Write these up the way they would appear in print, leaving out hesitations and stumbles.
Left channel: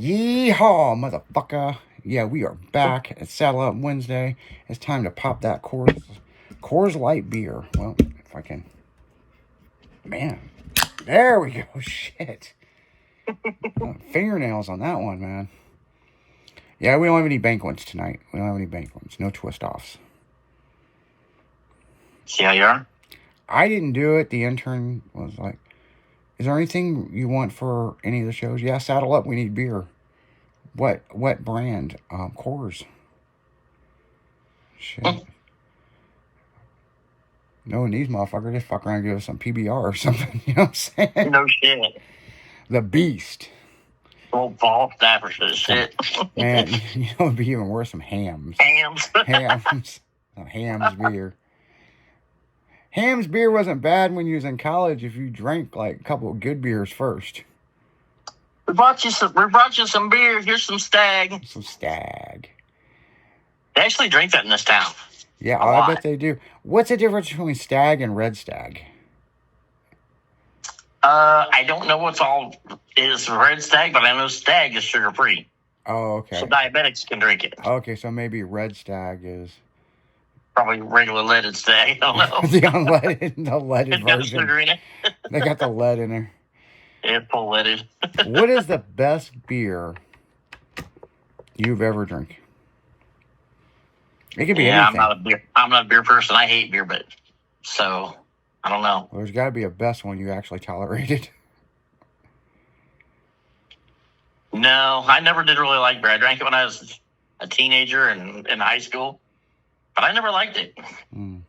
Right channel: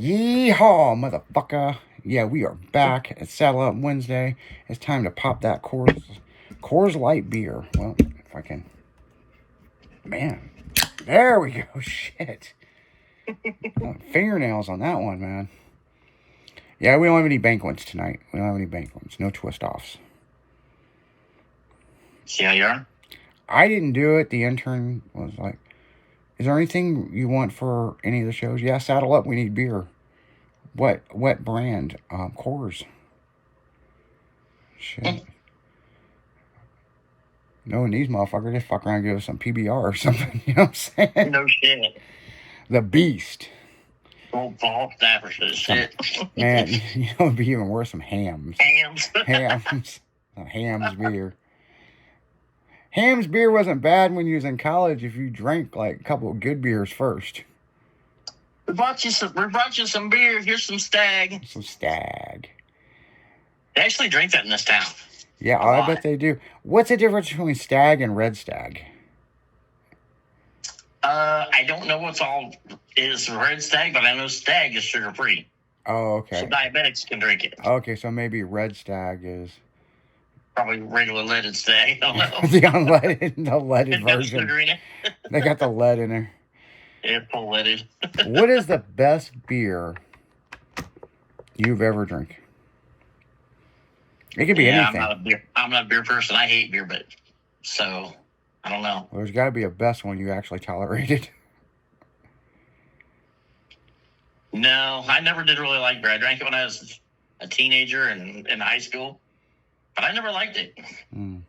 Yeehaw, motherfucker. Yeah, we are back at Saddle Up Wednesday. It's time to pop that Coors Light beer. Well, if I can. Man, there we go. Shit. Fingernails on that one, man. Yeah, we don't have any banquets tonight. We don't have any banquets. No twist-offs. See how you are? I didn't do it. The intern was like, is there anything you want for any of the shows? Yeah, Saddle Up. We need beer. What brand? Coors. Shit. Knowing these motherfuckers, they fuck around and give us some PBR or something. You know what I'm saying? No shit. The Beast. Old Paul Stafford shit. Man, you know, it'd be even worse, some hams. Hams. Some hams beer. Hams beer wasn't bad when you was in college if you drank like a couple of good beers first. We brought you some beer. Here's some Stag. Some Stag. They actually drink that in this town. Yeah, I bet they do. What's the difference between Stag and Red Stag? I don't know what's all is Red Stag, but I know Stag is sugar free. Oh, okay. So diabetics can drink it. Okay, so maybe Red Stag is probably regular leaded Stag. I don't know. the leaded version. Sugar in it. They got the lead in there. Yeah, full leaded. What is the best beer you've ever drank? It could be anything. I'm not a beer person. I hate beer, but so I don't know. Well, there's got to be a best one you actually tolerated. No, I never did really like beer. I drank it when I was a teenager and in high school, but I never liked it. As soon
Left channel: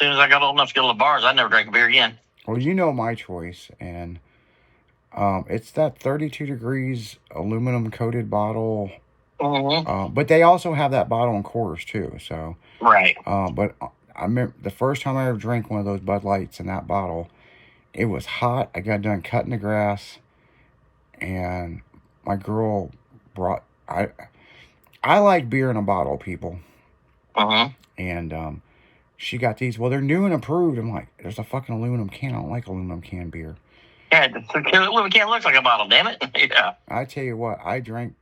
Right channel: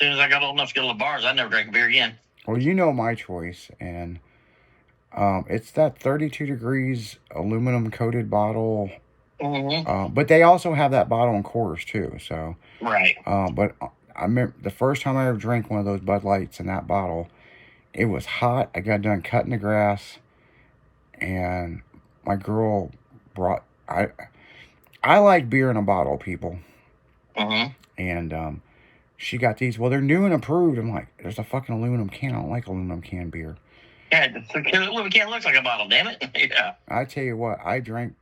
as I got old enough to go to the bars, I never drank a beer again. Well, you know my choice, and it's that 32 degrees aluminum coated bottle. Mm-hmm. But they also have that bottle in Coors too. So right. But I remember the first time I ever drank one of those Bud Lights in that bottle, it was hot. I got done cutting the grass, and my girl brought. I like beer in a bottle, people. And she got these. Well, they're new and approved. I'm like, there's a fucking aluminum can. I don't like aluminum can beer. Yeah, the aluminum can looks like a bottle. Damn it. Yeah. I tell you what, I drank.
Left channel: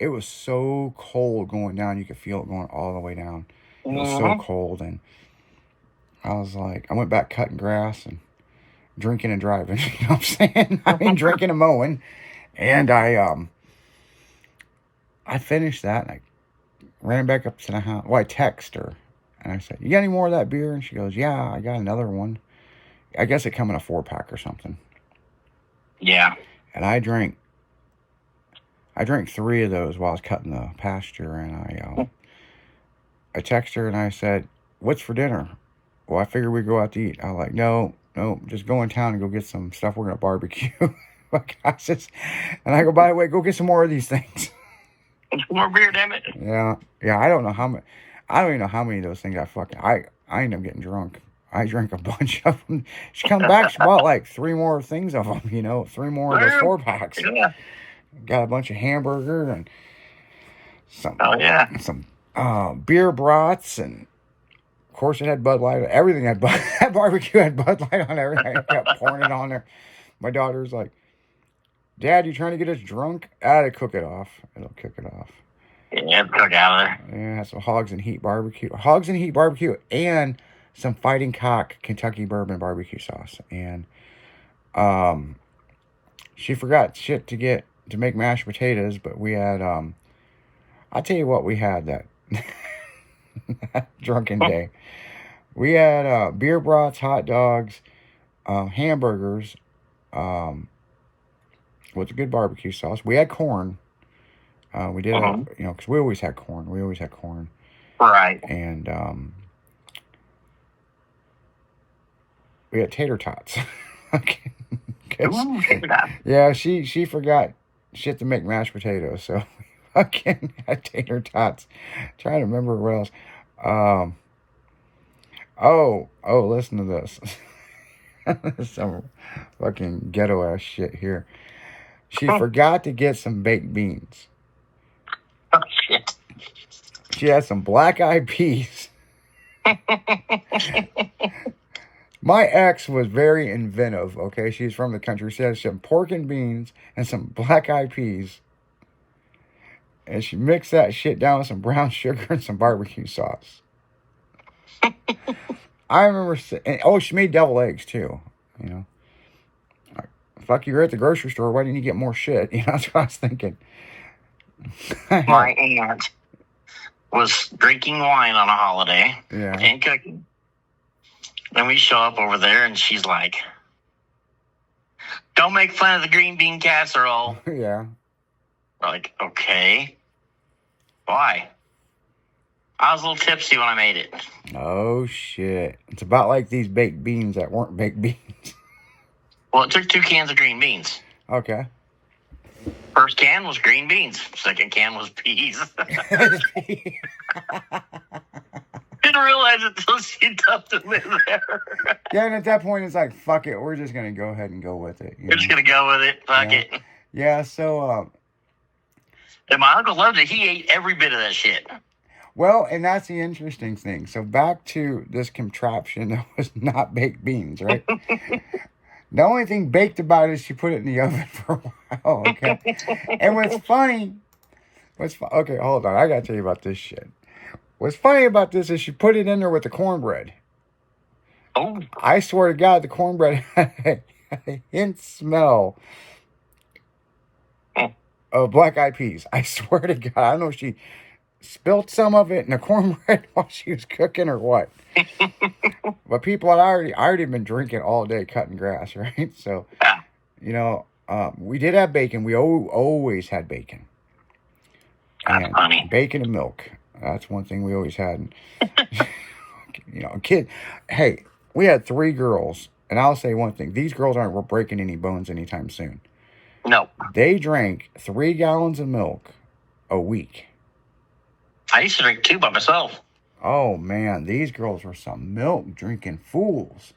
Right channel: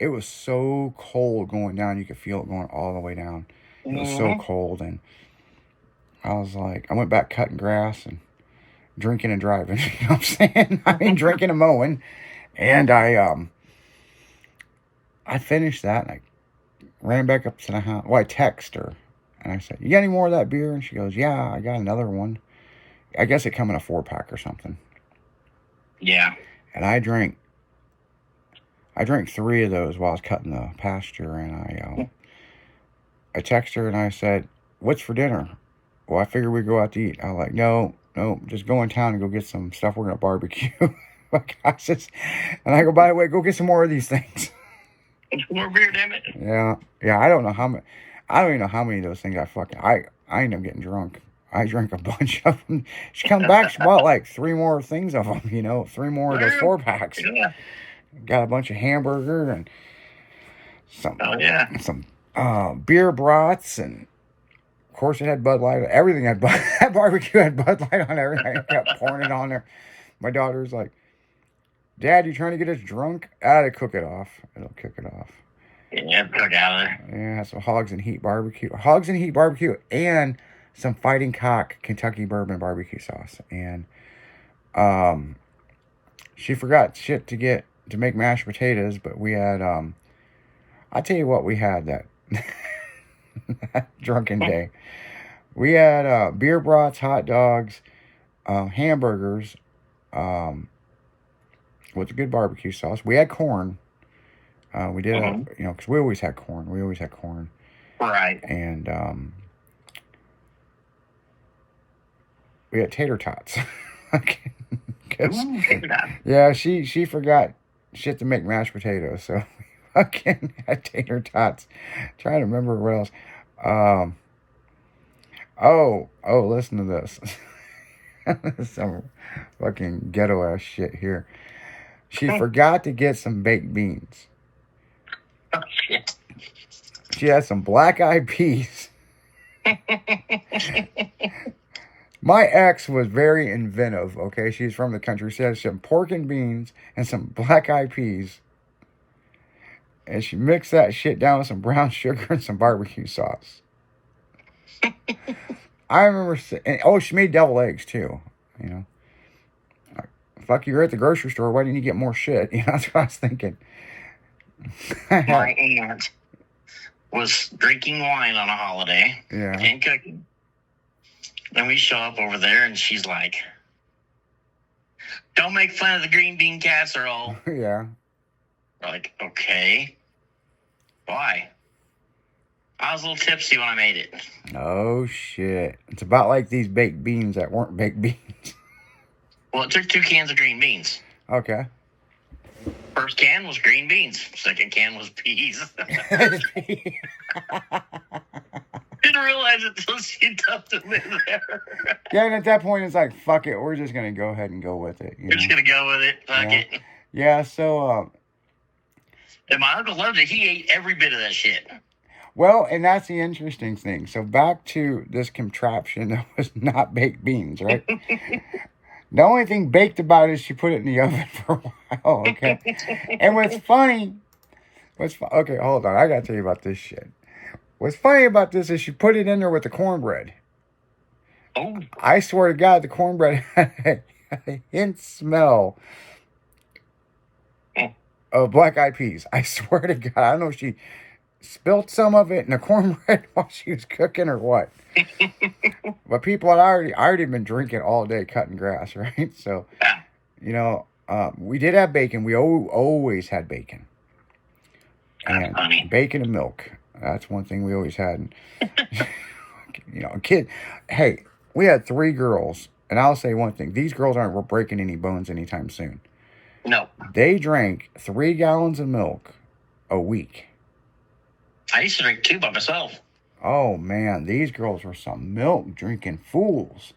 It was so cold going down. You could feel it going all the way down. It was so cold, and I was like, I went back cutting grass and drinking and driving. You know what I'm saying? I mean, drinking and mowing. And I finished that, and I ran back up to the house. Well, I texted her, and I said, you got any more of that beer? And she goes, yeah, I got another one. I guess it come in a 4-pack or something. Yeah. And I drank 3 of those while I was cutting the pasture, and I texted her and I said, what's for dinner? Well, I figured we'd go out to eat. I was like, no, just go in town and go get some stuff. We're going to barbecue. And I go, by the way, go get some more of these things. More beer, damn it. Yeah. I don't know how many. I don't even know how many of those things I ended up getting drunk. I drank a bunch of them. She come back, she bought like 3 more things of them, 3 more of those 4-packs. Yeah. Got a bunch of hamburger and some beer brats, and of course it had Bud Light. Everything had that barbecue had Bud Light on everything. I kept pouring it on there. My daughter's like, Dad, you trying to get us drunk? To cook it off. It'll cook it off. Yeah, cook out of there. Yeah, some Hogs and Heat barbecue. Hogs and Heat barbecue and some Fighting Cock Kentucky bourbon barbecue sauce. And she forgot shit to make mashed potatoes, but we had I'll tell you what we had that drunken day. We had beer brats, hot dogs, hamburgers, with a good barbecue sauce. We had corn. We did, because we always had corn. Right. And we had tater tots. Yeah, she forgot shit to make mashed potatoes, so fucking had tater tots. Trying to remember what else. Listen to this. Some fucking ghetto ass shit here. She forgot to get some baked beans. Oh shit. She had some black eyed peas. My ex was very inventive, okay? She's from the country. She had some pork and beans and some black-eyed peas. And she mixed that shit down with some brown sugar and some barbecue sauce. I remember... she made deviled eggs, too, you know? Fuck, you were at the grocery store. Why didn't you get more shit? You know, that's what I was thinking. My aunt was drinking wine on a holiday. Yeah. And cooking. And we show up over there, and she's like, "Don't make fun of the green bean casserole." Yeah. We're like, okay. Why? I was a little tipsy when I made it. Oh, shit. It's about like these baked beans that weren't baked beans. Well, it took 2 cans of green beans. Okay. First can was green beans. Second can was peas. Didn't realize it until she dumped them in there. Yeah, and at that point, it's like, fuck it. We're just going to go ahead and go with it. We're just going to go with it. Fuck it. Yeah, so... and my uncle loved it. He ate every bit of that shit. Well, and that's the interesting thing. So back to this contraption that was not baked beans, right? The only thing baked about it is she put it in the oven for a while, okay? And what's funny... okay, hold on. I got to tell you about this shit. What's funny about this is she put it in there with the cornbread. Oh. I swear to God, the cornbread had a hint smell of black-eyed peas. I swear to God. I don't know if she spilled some of it in the cornbread while she was cooking or what. But people had already been drinking all day cutting grass, right? So, you know, we did have bacon. We always had bacon. And funny. Bacon and milk. That's one thing we always had. You know, hey, we had 3 girls. And I'll say one thing. These girls aren't breaking any bones anytime soon. No. They drank 3 gallons of milk a week. I used to drink 2 by myself. Oh, man. These girls were some milk-drinking fools.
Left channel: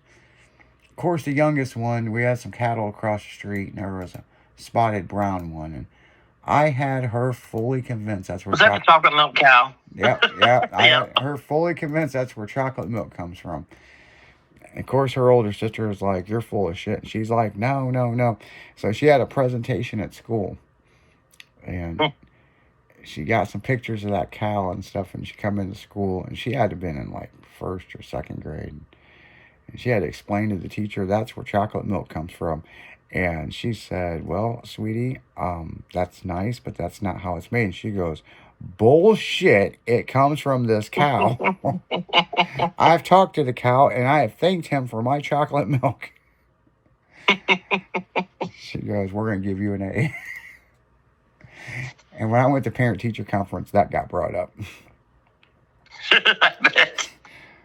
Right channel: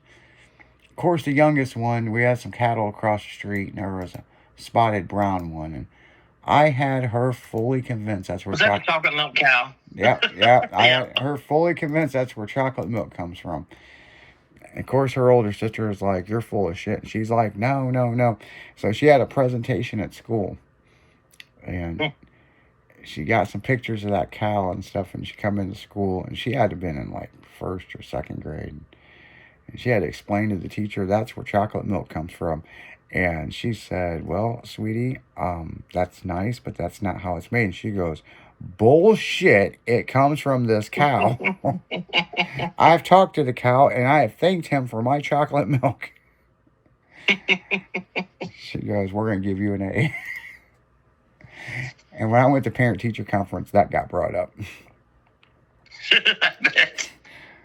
Of course, the youngest one, we had some cattle across the street, and there was a spotted brown one. And I had her fully convinced that's where... Was that the chocolate milk cow? Yeah. I had her fully convinced that's where chocolate milk comes from. And of course, her older sister was like, "You're full of shit." And she's like, no. So she had a presentation at school. And she got some pictures of that cow and stuff. And she come into school. And she had to have been in like 1st or 2nd grade. And she had to explain to the teacher, that's where chocolate milk comes from. And she said, "Well, sweetie, that's nice, but that's not how it's made." And she goes, "Bullshit, it comes from this cow." I've talked to the cow, and I have thanked him for my chocolate milk. She goes, "We're going to give you an A." And when I went to parent-teacher conference, that got brought up. I bet.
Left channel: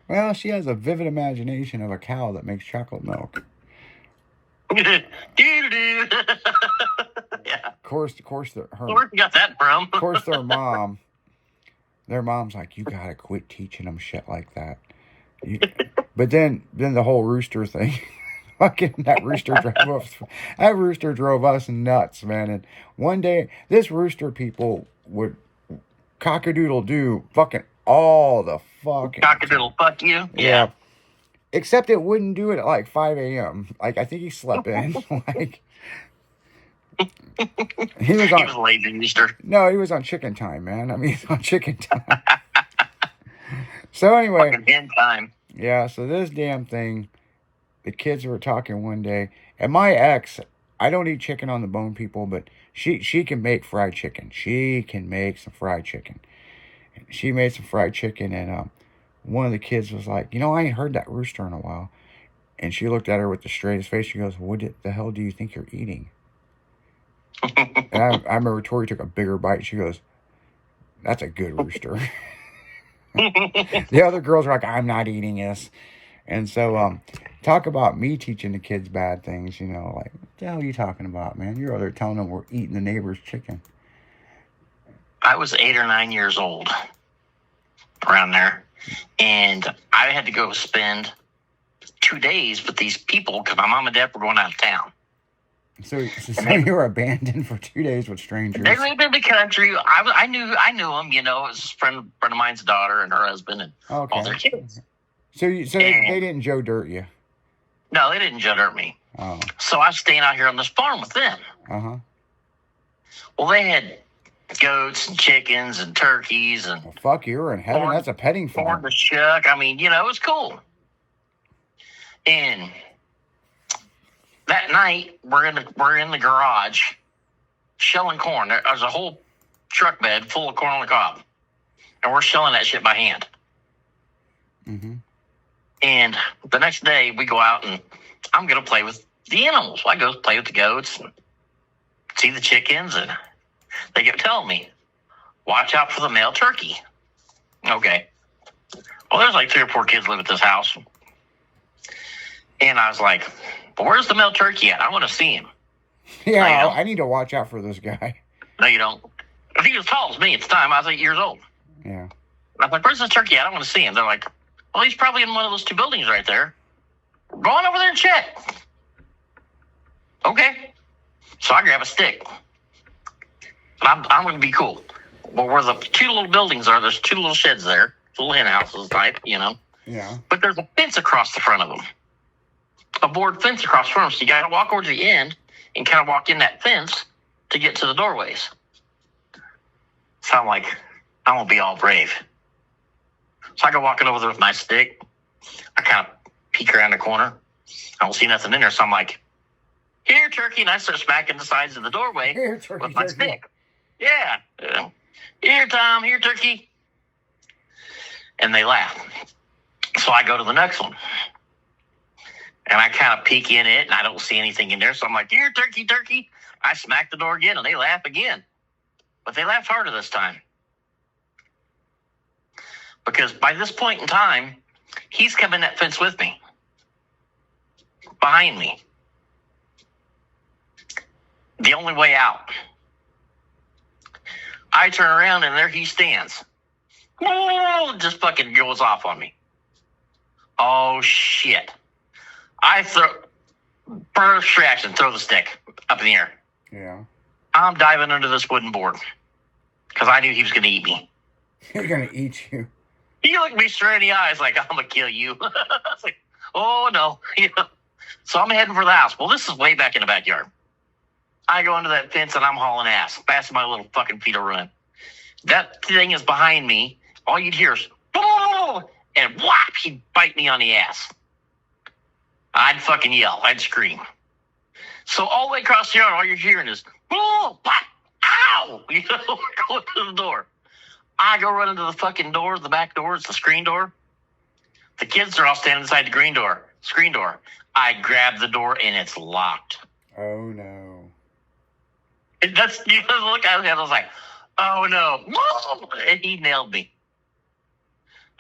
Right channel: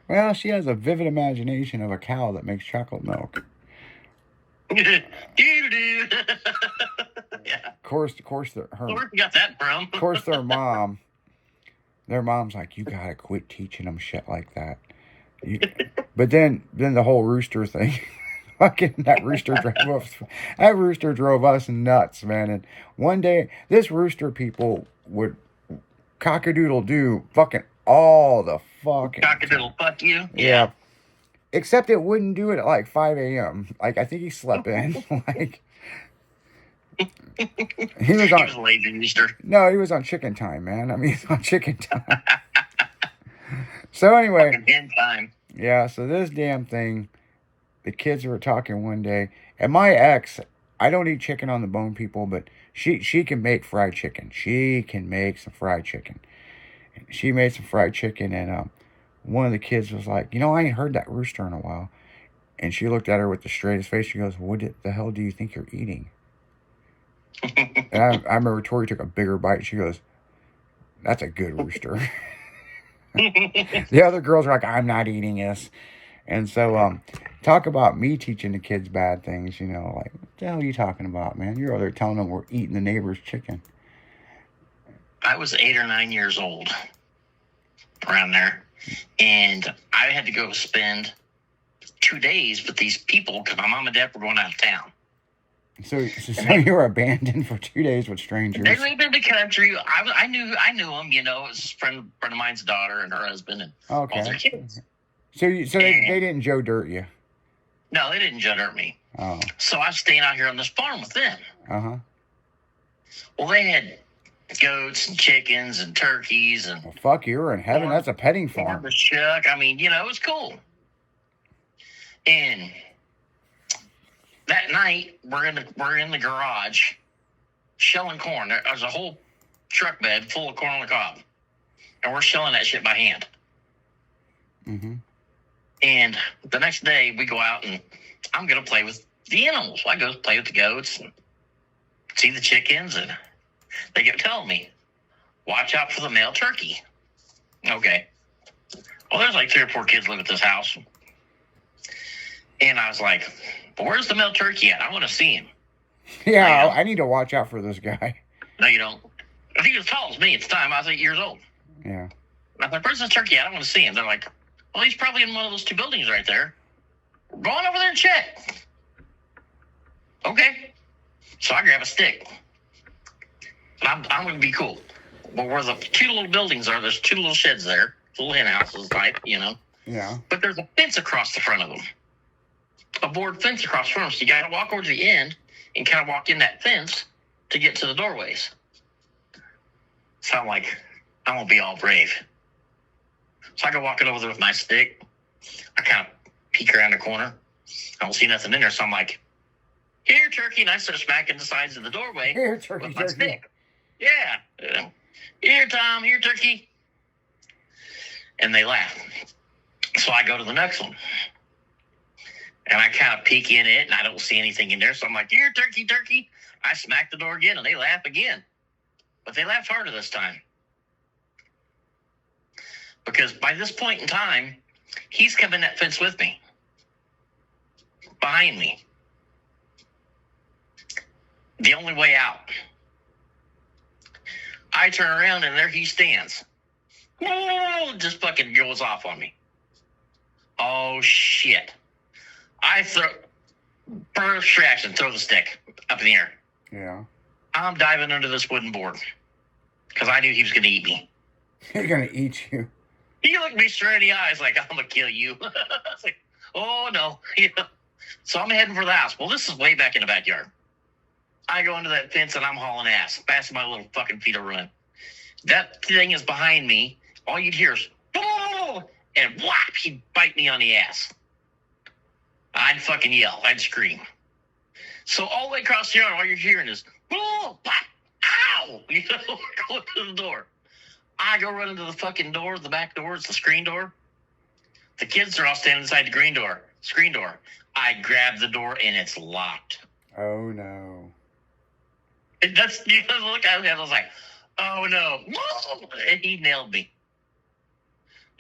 Well, she has a vivid imagination of a cow that makes chocolate milk. Yeah. Of course, Where you got that from? Of course, their mom's like, "You gotta quit teaching them shit like that." But then the whole rooster thing, fucking that rooster drove us nuts, man. And one day, this rooster people would cockadoodle do fucking all the fucking Cockadoodle fuck you. Yeah. Except it wouldn't do it at like 5 a.m. Like, I think he slept in. Like, he was on lazy rooster. No, he was on chicken time, man. I mean, he's on chicken time. So anyway, fucking hen time. Yeah. So this damn thing, the kids were talking one day, and my ex, I don't eat chicken on the bone, people, but she can make fried chicken. She can make some fried chicken. She made some fried chicken, and one of the kids was like, "You know, I ain't heard that rooster in a while." And she looked at her with the straightest face. She goes, "What the hell do you think you're eating?" And I remember Tori took a bigger bite. She goes, "That's a good rooster." The other girls are like, "I'm not eating this." And so, talk about me teaching the kids bad things, you know, like, what the hell are you talking about, man? You're over there telling them we're eating the neighbor's chicken. I was 8 or 9 years old, around there. And I had to go spend 2 days with these people because my mom and dad were going out of town. So you were abandoned for 2 days with strangers. They lived in the country. I knew them. You know, it was a friend of mine's daughter and her husband and all their kids. So they didn't Joe Dirt you. No, they didn't jet hurt me. Oh. So I was staying out here on this farm with them. Uh-huh. Well, they had goats and chickens and turkeys and Well, fuck, you were in heaven. That's a petting corn farm. to shuck. I mean, it was cool. And that night, we're in the garage shelling corn. There's a whole truck bed full of corn on the cob, and we're shelling that shit by hand. Mm-hmm. And the next day, we go out and I'm gonna play with the animals. I go play with the goats and see the chickens, and they kept telling me, "Watch out for the male turkey." Okay. Well, there's like 3 or 4 kids live at this house, and I was like, "But where's the male turkey at? I want to see him." Yeah, I need to watch out for this guy. No, you don't. I think he was tall as me at the time. I was 8 years old. Yeah. I was like, "Where's this turkey at? I want to see him." They're like, "Well, he's probably in one of those 2 buildings right there. Go on over there and check." Okay. So I grab a stick. I'm going to be cool. Well, where the 2 little buildings are, there's 2 little sheds there. Little hen houses type, Yeah. But there's a fence across the front of them. A board fence across the front. So you got to walk over to the end and kind of walk in that fence to get to the doorways. So I'm like, I'm going to be all brave. So I go walking over there with my stick. I kind of peek around the corner. I don't see nothing in there. So I'm like, "Here, turkey." And I start smacking the sides of the doorway Here, turkey, with my turkey. stick. Yeah. "Here, Tom. Here, turkey." And they laugh. So I go to the next one. And I kind of peek in it, and I don't see anything in there. So I'm like, "Here, turkey, turkey." I smack the door again, and they laugh again. But they laugh harder this time. Because by this point in time, he's come in that fence with me. Behind me. The only way out. I turn around, and there he stands. Just fucking goes off on me. Oh, shit. I burst trash and throw the stick up in the air. Yeah. I'm diving under this wooden board because I knew he was going to eat me. He's going to eat you. He looked me straight in the eyes like, "I'm going to kill you." I was like, "Oh, no." So I'm heading for the house. Well, this is way back in the backyard. I go under that fence and I'm hauling ass. Fast as my little fucking feet will run. That thing is behind me. All you'd hear is, and whap, he'd bite me on the ass. I'd fucking yell. I'd scream. So all the way across the yard, all you're hearing is, "Pop, ow!" Going to the door. I go running to the fucking door, the back door. It's the screen door. The kids are all standing inside the screen door. I grab the door and it's locked. Oh, no. And that's the look I had. I was like, "Oh, no." And he nailed me.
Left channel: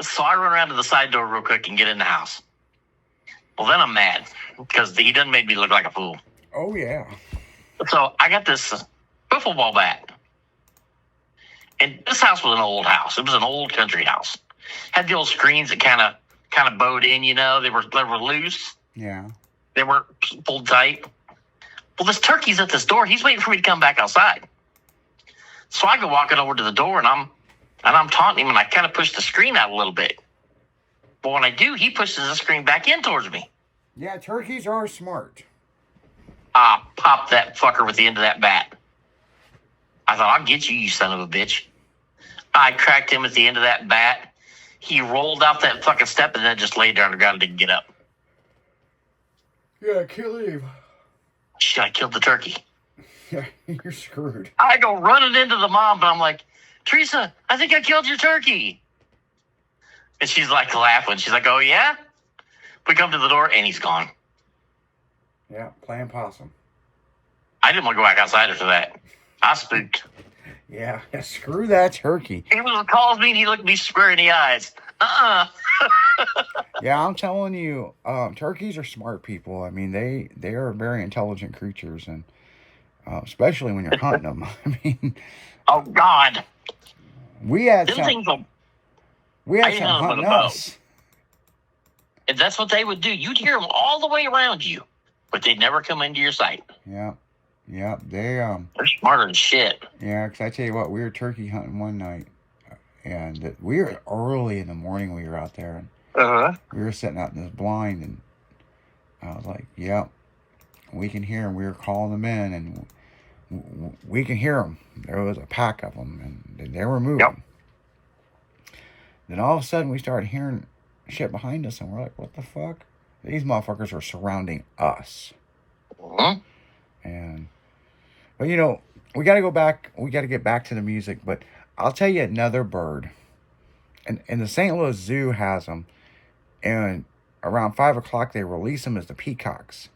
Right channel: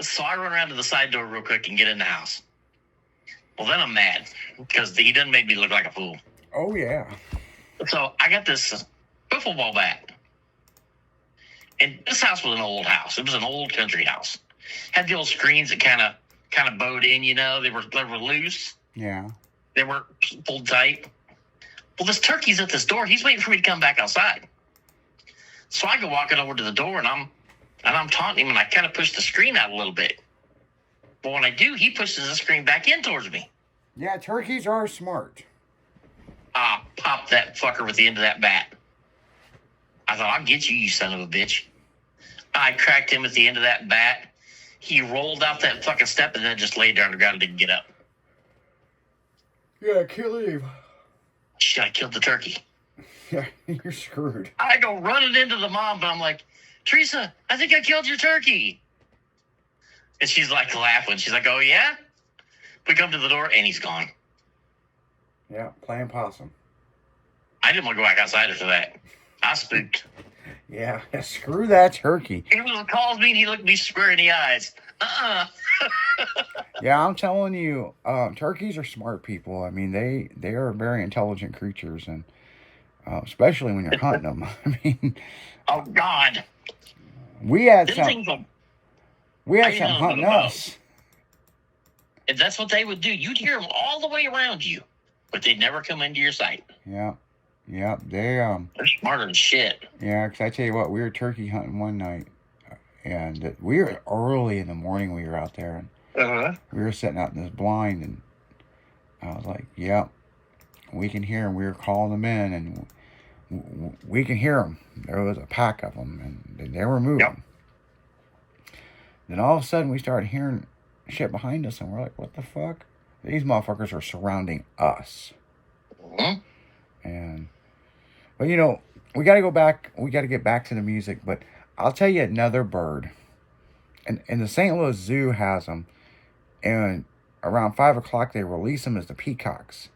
So I run around to the side door real quick and get in the house. Well, then I'm mad because he done made me look like a fool. Oh, yeah. So I got this wiffle ball bat. And this house was an old house. It was an old country house. Had the old screens that kind of bowed in, They were loose. Yeah. They weren't pulled tight. Well, this turkey's at this door. He's waiting for me to come back outside. So I go walking over to the door, and I'm taunting him, and I kind of push the screen out a little bit. But when I do, he pushes the screen back in towards me. Yeah, turkeys are smart. I popped that fucker with the end of that bat. I thought, "I'll get you, you son of a bitch." I cracked him at the end of that bat. He rolled out that fucking step and then just laid there on the ground and didn't get up. Yeah, kill him. Shit, I killed the turkey. Yeah, you're screwed. I go running into the mom, and I'm like, "Teresa, I think I killed your turkey." And she's like laughing. She's like, "Oh, yeah?" We come to the door, and he's gone. Yeah, playing possum. I didn't want to go back outside after that. I spooked. Yeah, screw that turkey. He was calls me, and he looked me square in the eyes. Yeah, I'm telling you, turkeys are smart people. I mean, they are very intelligent creatures, and especially when you're hunting them. I mean, Oh, God. we had Them some things will- hunting us. And that's what they would do. You'd hear them all the way around you, but they'd never come into your sight. Yeah, they They're smarter than shit. Yeah, because I tell you what, we were turkey hunting one night, and we were early in the morning. We were out there, and Uh-huh. we were sitting out in this blind, and I was like, yep, we can hear them. We were calling them in, and we can hear them. There was a pack of them, and they were moving. Yep. Then all of a sudden, we started hearing shit behind us, and we're like, what the fuck? These motherfuckers are surrounding us. But you know, we got to go back. We got to get back to the music. But I'll tell you another bird. And the St. Louis Zoo has them. And around 5 o'clock, they release them as the peacocks.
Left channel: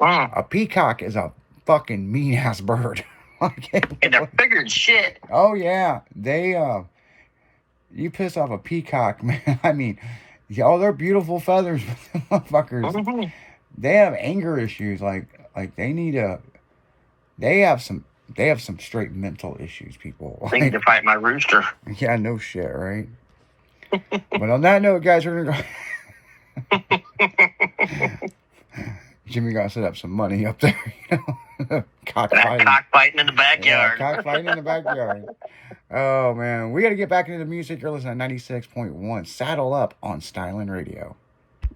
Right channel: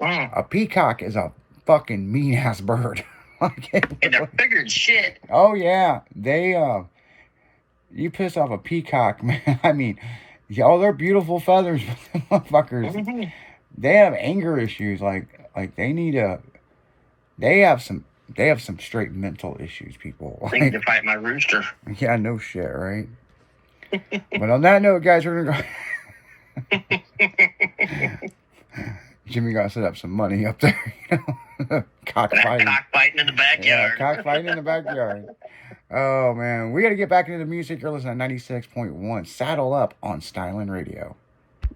A peacock is a fucking mean-ass bird. And they're bigger than shit. Oh, yeah. You piss off a peacock, man. I mean, they're beautiful feathers, motherfuckers. They have anger issues. Like they need they have some straight mental issues, people. They need to fight my rooster. Yeah, no shit, right? But on that note, guys, we're gonna go. Jimmy got to set up some money up there. Cockfighting in the backyard. Yeah, cockfighting in the backyard. Oh man, we got to get back into the music. You're listening to 96.1 Saddle Up on Styling Radio.